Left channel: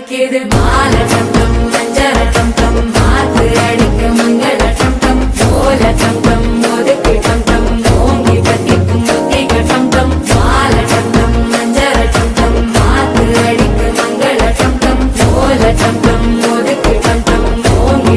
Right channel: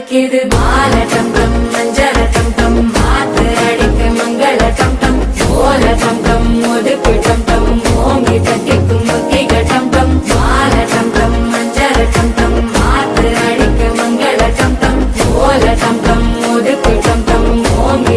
அடிக்குது மால டம் டம் மஞ்சள டம் டம் மாத்து அடிக்க மங்கள டம் டம் ஓல டம் டம் ஒதுக்கு டம் டம் ஓங்கி பட்டிக்கும் புத்திக டம் டம் மால டம் டம் மஞ்சள டம் டம் மாத்து அடிக்க மங்கள டம் டம் ஓல டம் டம் ஒதுக்கு டம் டம் ஓங்கி